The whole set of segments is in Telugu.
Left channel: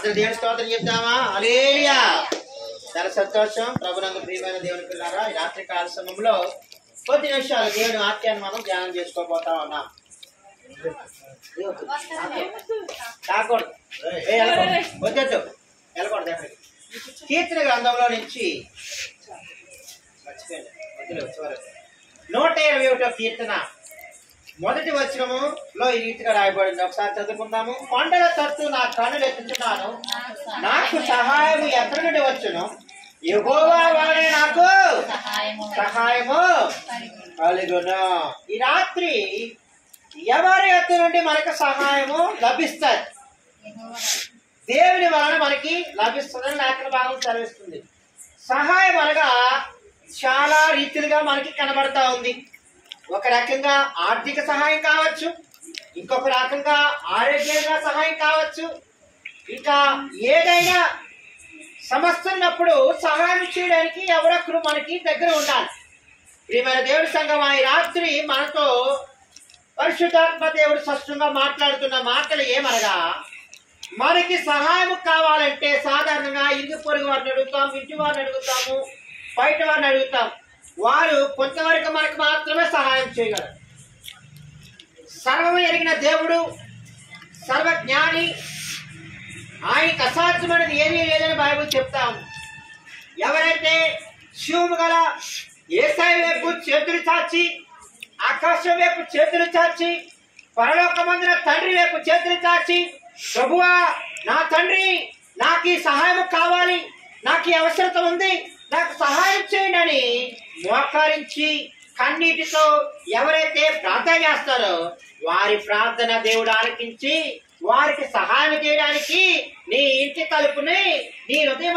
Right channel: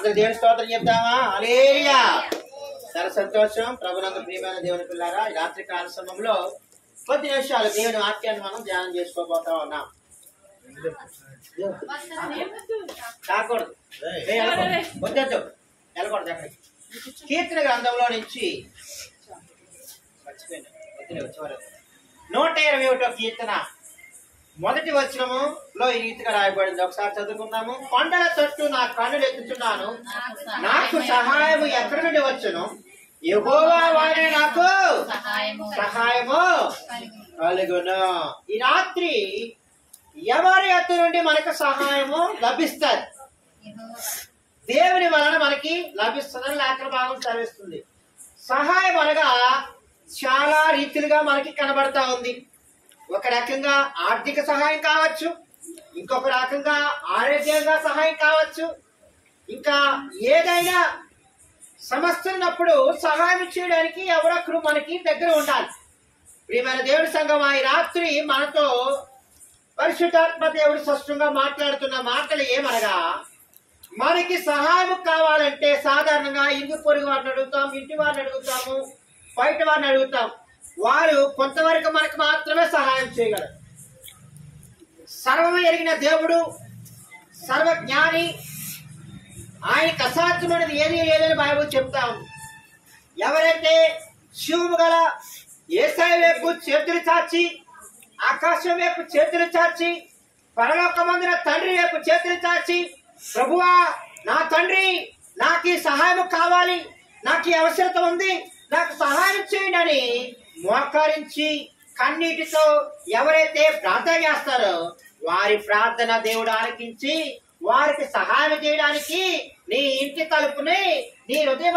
అందరు దేవుని స్తోత్రం చెప్తామా? హల్లెలూయా. చాలా సంతోషం. ప్రభునందు ప్రియమైన దేవుని పిల్లారా, ఈ రాత్రి కాల సమయంలో కొద్ది నిమిషాలు దేవుని వాక్యాన్ని మనం ధ్యానం చేసుకోబోతా ఉన్నాం. కాకూడదు, వద్దొద్దు, వెళ్ళకూడదు ఎక్కడికి. కీర్తన గ్రంథంలో నుంచి 121 కీర్తన మొదటి వచనములో ఈ రీతిగా రాయబడింది. ఒకసారి చదువుకుందాము. కొండల తట్టు నా కన్నులు ఎత్తుచున్నాను, నాకు సహాయము ఎక్కడి నుండి వచ్చును? యెహోవా వాడే నాకు సహాయము కలుగును. ఈ రాత్రి ఎవరి ఎత్తు నుండి మనకు సహాయము లభిస్తుంది? దేవుని వలన మనకి లభిస్తుందని లేఖన భాగం చదివిస్తుంది. సహాయం అనగా చాలా రీతిలుగా మనకి కనబడతా ఉంది. ఒక రకంగా ఆర్థిక సహాయం కావచ్చు, ఇంకొక రకంగా ఆరోగ్యంగా సహాయం కావచ్చు, ఇంకా ఏదైనా సమస్య ఉన్నప్పుడు సహాయం చేయడానికి ఎవరొక్కరు మనకి దగ్గర ఉండాలి. ప్రియమైన దేవుడి సంఘం, ఈ రాత్రి మనతో పరిశుద్ధాత్మ దేవుడు స్పష్టంగా మాట్లాడుతున్న మాటలు ఏమనగా, మనకి సహాయం కావాలంటే సాధారణంగా ఇరుగు పొరుగు వారిని అడుగుతాం, ఇంటి వారిని అడుగుతాము, బయట వారిని అడుగుతాం. వారు కొంతవరకు మనకు మాత్రమే సహాయం చేయగలరు. సర్వము ఎరిగిన దేవుడు, సర్వజ్ఞాని, ఆయనకు అసాధ్యమైనది ఏదీ లేదని బైబిల్ చెప్తాము. ఎవరైతే శివుము గల యేసయ్య వైపు చేతులు చాచి, ఆకాశం వైపు చేతులు చాచి, పరలోకమందున తండ్రి వైపు చేతులు చాచి, ప్రభువా నా తండ్రి, నాకు ఈ సహాయం కావాలి, నాకు ఈ అవసరత ఉంది, నాకు సహాయం చేయండి అని మోకరించి కన్నీటితో ఎవరైతే ప్రార్థన చేస్తారో వారి ప్రార్థన దేవుడు ఆలకించి వారికి సహాయం చేయడానికి నీ ఇంటి తలుపుని, నీ హృదయం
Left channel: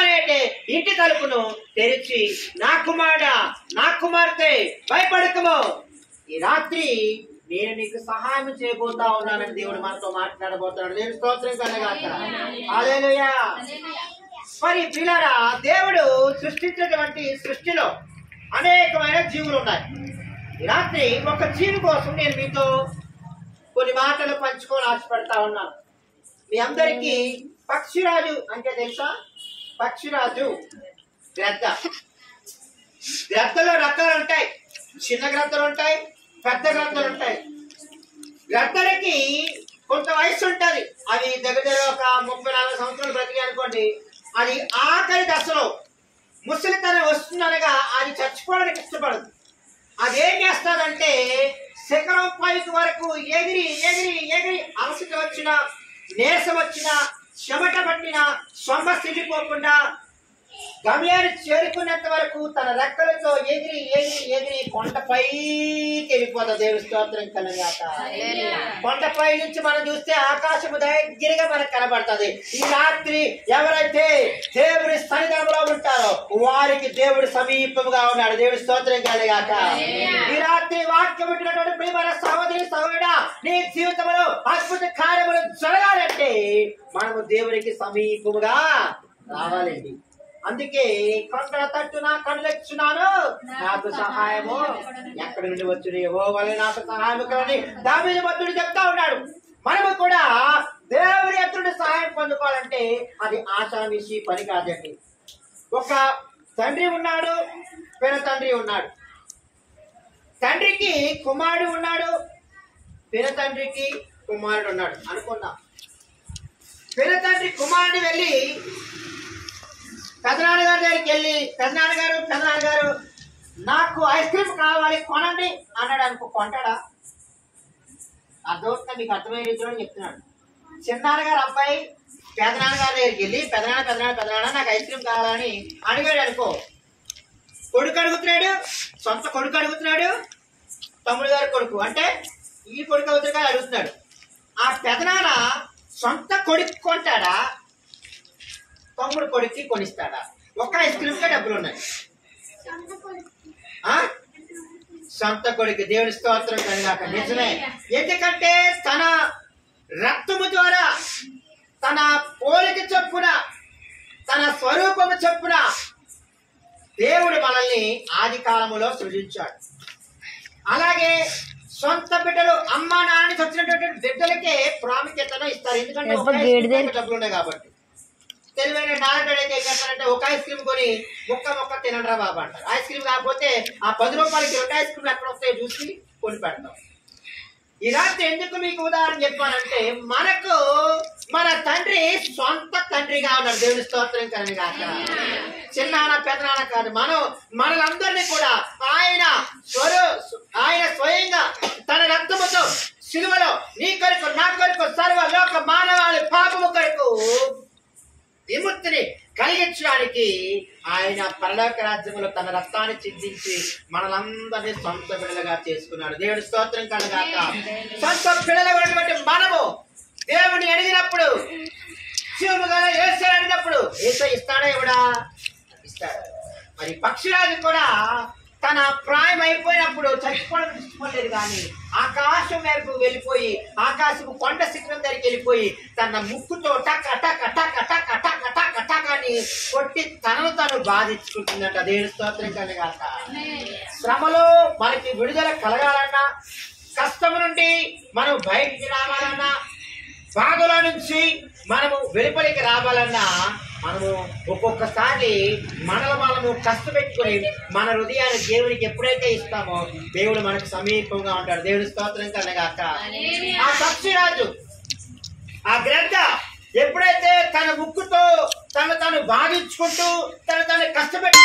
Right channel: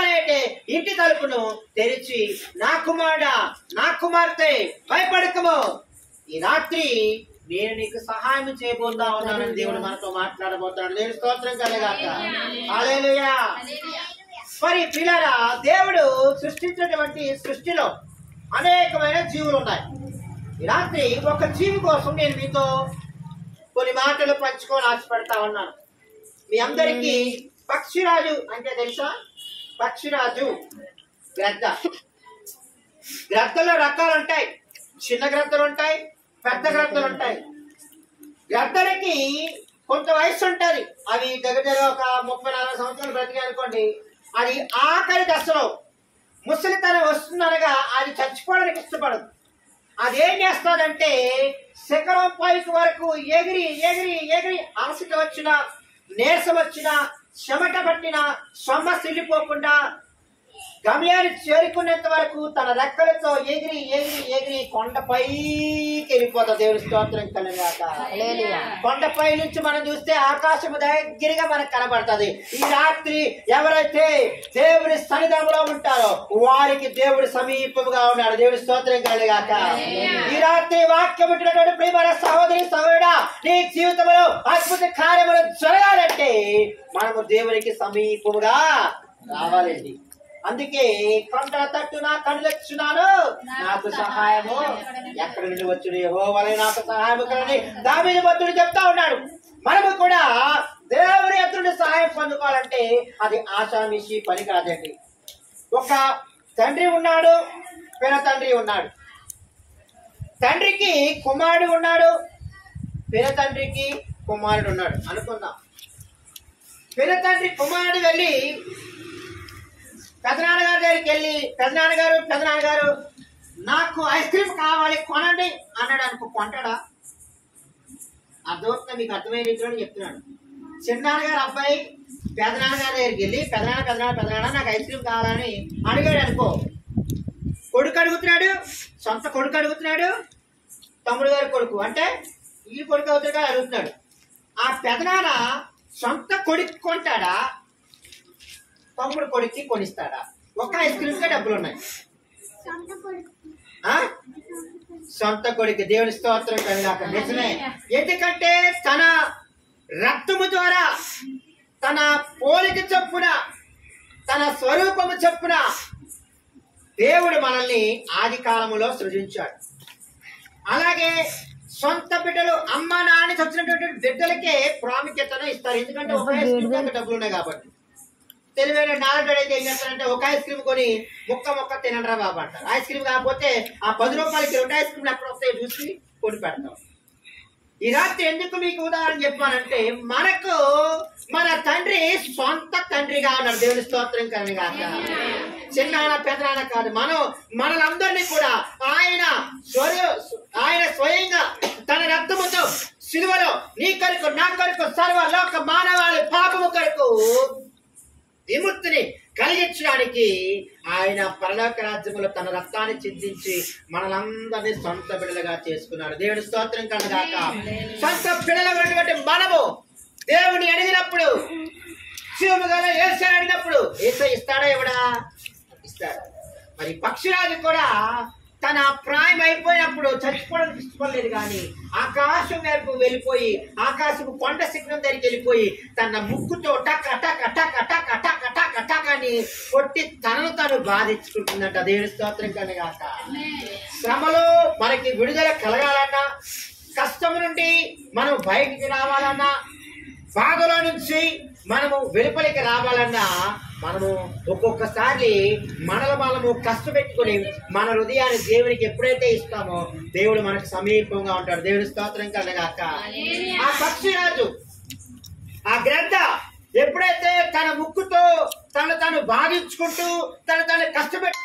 అనేటి ఇంటి తలుపును తెరిచి, నా కుమారుడా, నా కుమార్తె, భయపడకము, ఈ రాత్రి నేను నీకు సహాయం చేయబోతా ఉన్నానని దేవుడు మనతో మాట్లాడబోతున్నాడు. దేవుని స్తోత్రం కలగాక. హల్లెలూయా. మరి పిల్లరా, దేవుడు సృష్టించినటువంటి సృష్టిలో అనేకమైన జీవులు ఉన్నాయి. ఈ రాత్రి ఒక జీవి కోసం నేను మీతో కొన్ని మాటలు పంచుకొని ఆశపడతా ఉన్నాను. మీ అందరికీ పక్షిరాజు అంటే తెలుసా? పక్షిరాజు గ్రద్ద. గ్రద్దలో రకాలు ఉంటాయి. చిన్న గ్రద్దలు ఉంటాయి, పెద్ద గ్రద్దలు ఉంటాయి. గ్రద్దలకి కొంత వయసు ఉంటుంది. అవి దగ్గర ఒక 30-40 సంవత్సరాలు బ్రతికి అనుకోండి, అది ఆఖరి దశలో ముసలితనం వస్తుందనగా అది చచ్చిపోవడానికి ఇష్టపడదు. అదేం చేస్తుందంటే శిఖరం పైకి వరకు ఎగిరి ఎగిరి ఎగిరి అలసట వచ్చినా, నీరసం వచ్చినా, చెమట పట్టినా సొమ్మసిల్లిపోకుండా గమ్యాన్ని చేరుకునేంత వరకు తన రెక్కలతో ఎగిరి ఎగిరి ఎగిరి కొండపైకి వెళ్ళిపోతా. దేవుడి స్తోత్రం కలగాక. కొండపై నుంచి మనం చూస్తే ఆకాశము దగ్గరగా మనకు కనబడుతుంది. ఈ రాత్రి ఎవరైతే దేవుడి సన్నిధానంలో ఉంటారో వారికి దేవుడు సమీపముగా ఉన్నాడు. దేవుడి స్తోత్రం కలగాక. ఈ రాత్రి వాక్యం ఉంటున్నటువంటి ప్రియమైన సహోదరి సహోదరుడా, నీ జీవితంలో అద్భుత కార్యములు జరగాలంటే మనము దేవునికి సమీపముగా రావాలండి. అందుకే కొండల తట్టు నా కన్నులెత్తుచున్నాను, నాకు సహాయము ఎక్కడి నుండి వచ్చును? యెహోవాయే నాకు సహాయము కలని దావీదు భక్తుడు చెప్తా ఉన్నాడు. మనము కూడా దేవుని ఎదుటి సహాయం పొందుకోవాలంటే అది ఆషామిషి పని కాదండి. ఒక తండ్రి ఉన్నాడు, పెన తండ్రి ఉన్నాడు. తండ్రికి కుమారుడు ఉన్నాడు, పెన తండ్రికి కుమారుడు ఉన్నాడు అనుకుందాం. పెన తండ్రి కుమారుడు వెళ్ళి పెదనాన్నగారి దగ్గరికి వెళ్ళి, పెదనాన్నగారు నాకు ఐస్ క్రీమ్ కావాలి కొనండి అన్నాడు అనుకో, కొంటాడా? అర్థమవుతుంది మీకు? అర్థమయ్యే రీతిలో చెప్తున్నాడు. చిన్నాన్నగారు అబ్బాయి పెదనాన్నగారి దగ్గరికి వెళ్ళి పెదనాన్న నాకు ఐస్ క్రీమ్ కావాలని అడిగాడు అనుకో, కొడుకు అడుగుతున్నాడు, సొంత కొడుకు అడుగుతున్నాడు, తమ్ముడు గారి కొడుకు అంటే ఈ కొడుకు అవుతాడు కదా అడుగుతున్నాడు. ఆ పెదనాన్న సొంత కొడుకు కొంటాడా, తమ్ముడు కొడుక్కి కొనిస్తాడా? ఒక్క ఐస్ క్రీమ్కే డబ్బులు ఉన్నాయి. సొంత కొడుకు. దేవుని స్తోత్రం కలిగాక. నిజమే. ఎందుకంటే తన రక్తము ద్వారా, తన పోలిక చొప్పున, తన స్వరూపము చొప్పున దేవుడు మనల్ని ఆది కాలములో సృజించాడు. అలాగే సొంత బిడ్డలు అమ్మ నాన్న వచ్చినటువంటి బిడ్డలకే ప్రాముఖ్యతను ఇస్తారు. ఎందుకంటే డబ్బులు ఉన్నాయి కాబట్టి. తెలివైన నాలుగు అయితే ఏం చేస్తారంటే ఒక ఐస్ క్రీమ్ కొని ముక్క తినరా బాబు అంటారు. ఐస్ క్రీమ్ కాకపోతే ఆ 10 రూపాయలకి 2 ఐస్ క్రీమ్లు ఎక్కడ వస్తాయో చూసి కొని పెడతాం. ఈ రాత్రి ఎందుకు మీకు ఉదాహరణ చెప్పానంటే, మనకు మన తండ్రి సొంత తండ్రిగా ఉన్నాడు. దేవుని స్తోత్రం కానీ కాక, చిన్నాన్న పెదనాన్న కాదు, మనలందరినీ కూడా ఆయన స్వయంగా తన రక్తముతో సిలువలో నీ కొరకు నా కొరకు సర్వ లోక మానవాళి పాపము కొరకు విముక్తిని కలిగించడానికి ఆయన పరలోక రాజ్యములో తన రక్తాన్ని చిందించి మనలందరినీ సొంత బిడ్డలుగా చేసుకున్నాడు. దేవుడి స్తోత్రం కనుగాక. సొంత బిడ్డలుగా ఉన్నటువంటి మనము దేవుని అడిగినప్పుడు, శివుడు కదా యేసయ్య అడిగినప్పుడు యేసయ్య ఇస్తాడా ఎవడా? ఇస్తాడు. మరి పక్షిరాజు కూడా తన ప్రాయం అయిపోయినప్పుడు చచ్చిపోవడం ఇష్టపడలేదు, కానీ ఆకాశం వైపు వెళ్ళిపోయి ఆకాశము కొండ శిఖరం దగ్గరికి వెళ్ళిపోయి తన ముక్కుతో టక్ టక్ టక్ టక్ టక్ టక్ టక్ అని కొట్టి తనను తాను బాధించుకుంటుందంట. దేవుని స్తోత్రం కనుగాక. శ్రమలో మనకి విడుదల కలగాలన్నా, కష్టం నుండి మనం బయటికి రావాలన్నా, బాధలో నుంచి మనము వెలుపలికి రావాలన్నా, మనము ఒక్కొక్కసారి మనము కష్టపెట్టుకుని మన హృదయాన్ని దేవునికి ఎప్పుడైతే ఇస్తామో దేవుడు మనకు సమీపంగా ఉంటాడు. దేవుడి స్తోత్రం కలగాక. ఆ పక్షిరాజు ఆ గ్రద్ద ఎప్పుడైతే తన ముక్కుతో తను బాధించుకుంటూ తను కష్టపెట్టు